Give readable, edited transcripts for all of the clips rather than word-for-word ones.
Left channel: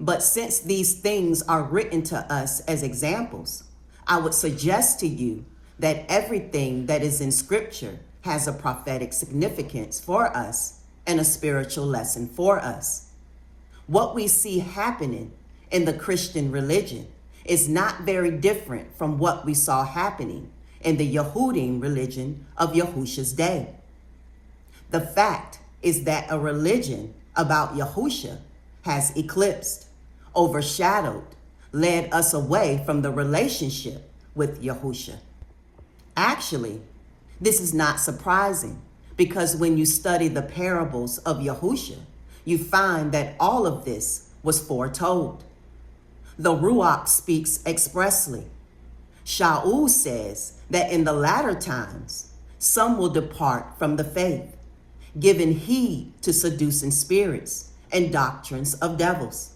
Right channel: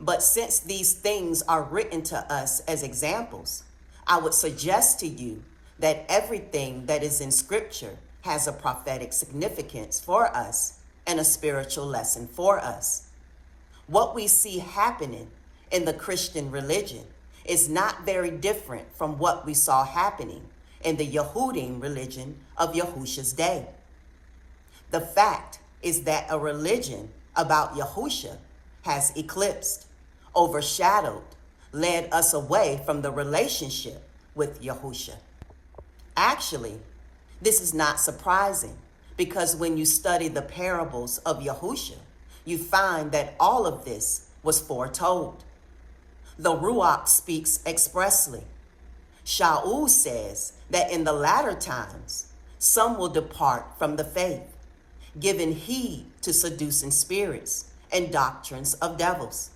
But since these things are written to us as examples, I would suggest to you that everything that is in Scripture has a prophetic significance for us and a spiritual lesson for us. What we see happening in the Christian religion is not very different from what we saw happening in the Yehudim religion of Yahusha's day. The fact is that a religion about Yahusha has eclipsed, overshadowed, led us away from the relationship with Yahusha. Actually, this is not surprising, because when you study the parables of Yahusha, you find that all of this was foretold. The Ruach speaks expressly. Shaul says that in the latter times, some will depart from the faith, giving heed to seducing spirits and doctrines of devils.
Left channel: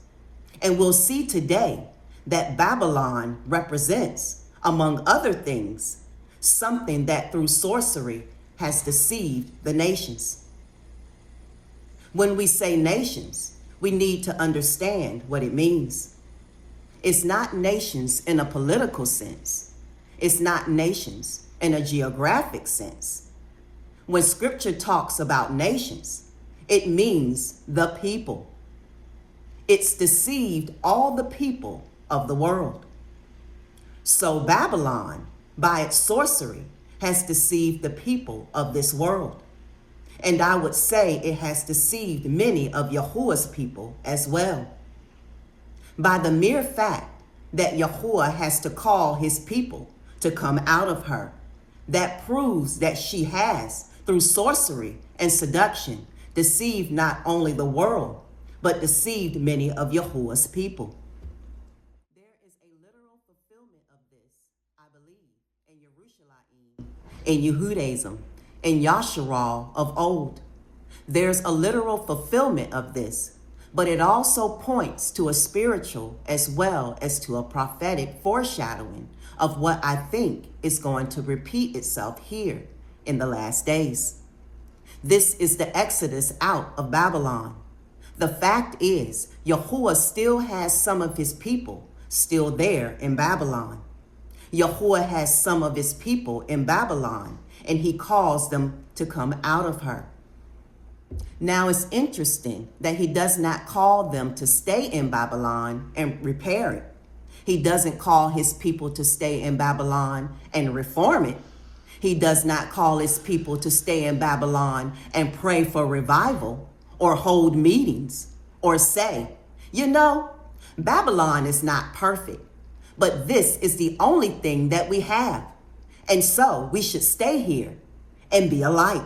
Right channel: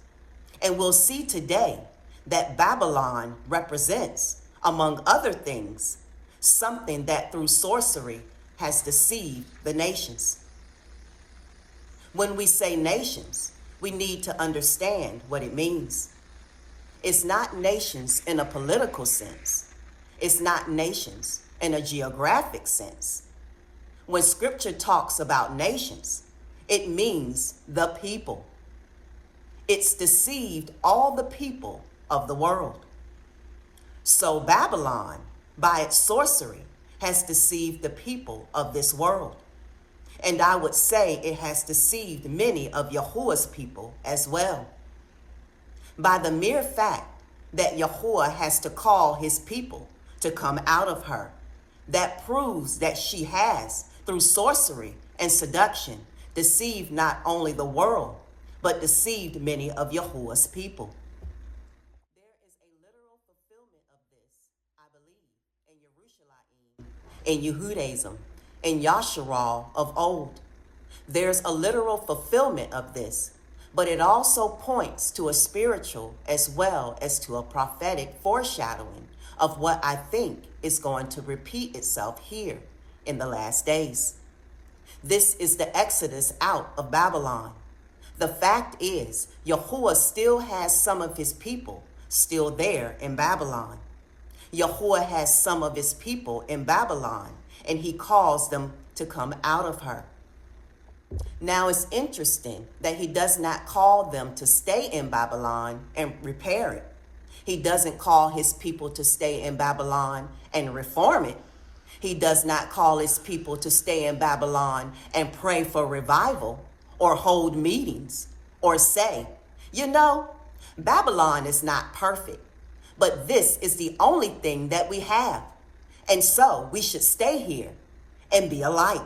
And we'll see today that Babylon represents, among other things, something that through sorcery has deceived the nations. When we say nations, we need to understand what it means. It's not nations in a political sense. It's not nations in a geographic sense. When Scripture talks about nations, it means the people. It's deceived all the people of the world. So Babylon, by its sorcery, has deceived the people of this world. And I would say it has deceived many of Yahuwah's people as well. By the mere fact that Yahuwah has to call his people to come out of her, that proves that she has, through sorcery and seduction, deceived not only the world, but deceived many of Yahuwah's people. There is a literal fulfillment of this, I believe, in Yerushalayim, in Yehudaism, in Yasharal of old. There's a literal fulfillment of this, but it also points to a spiritual as well as to a prophetic foreshadowing of what I think is going to repeat itself here in the last days. This is the exodus out of Babylon. The fact is, Yahuwah still has some of his people still there in Babylon. Yahuwah has some of his people in Babylon, and he calls them to come out of her. Now it's interesting that he does not call them to stay in Babylon and repair it. He doesn't call his people to stay in Babylon and reform it. He does not call his people to stay in Babylon and pray for revival or hold meetings or say, you know, Babylon is not perfect, but this is the only thing that we have. And so we should stay here and be a light.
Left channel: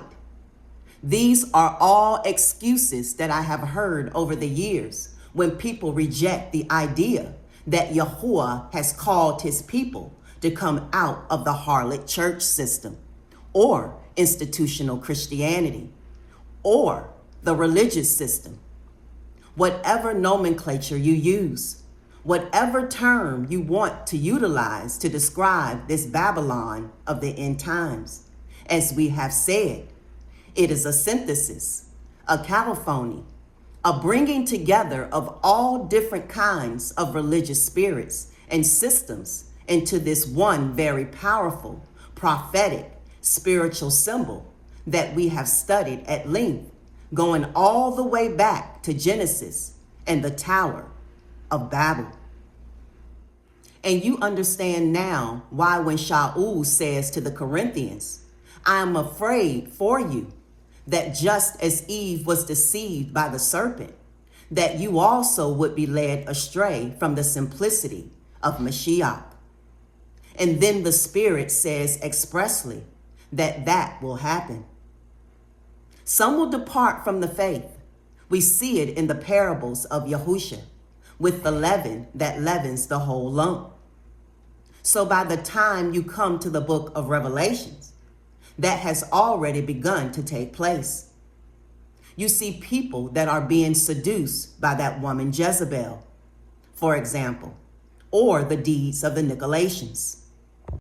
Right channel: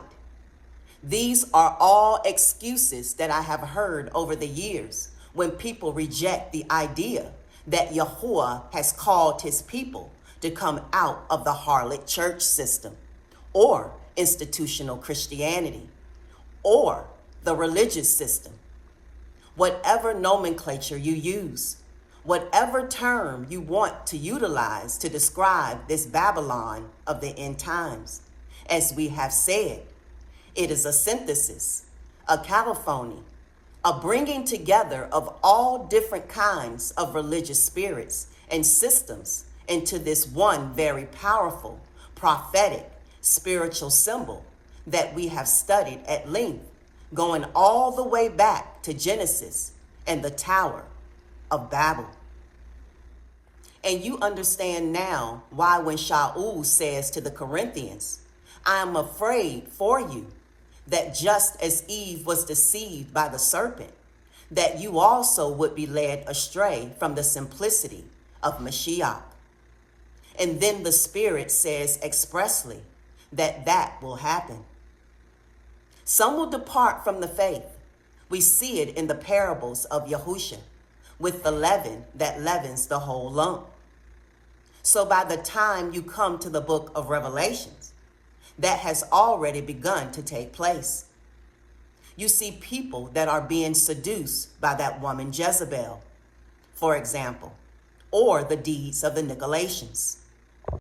These are all excuses that I have heard over the years when people reject the idea that Yahuwah has called his people to come out of the harlot church system or institutional Christianity or the religious system. Whatever nomenclature you use, whatever term you want to utilize to describe this Babylon of the end times, as we have said, it is a synthesis, a caliphony, a bringing together of all different kinds of religious spirits and systems into this one very powerful, prophetic, spiritual symbol that we have studied at length, going all the way back to Genesis and the Tower of Babel. And you understand now why when Shaul says to the Corinthians, I am afraid for you, that just as Eve was deceived by the serpent, that you also would be led astray from the simplicity of Mashiach. And then the Spirit says expressly that that will happen. Some will depart from the faith. We see it in the parables of Yahusha, with the leaven that leavens the whole lump. So by the time you come to the book of Revelations, that has already begun to take place. You see people that are being seduced by that woman Jezebel, for example, or the deeds of the Nicolaitans.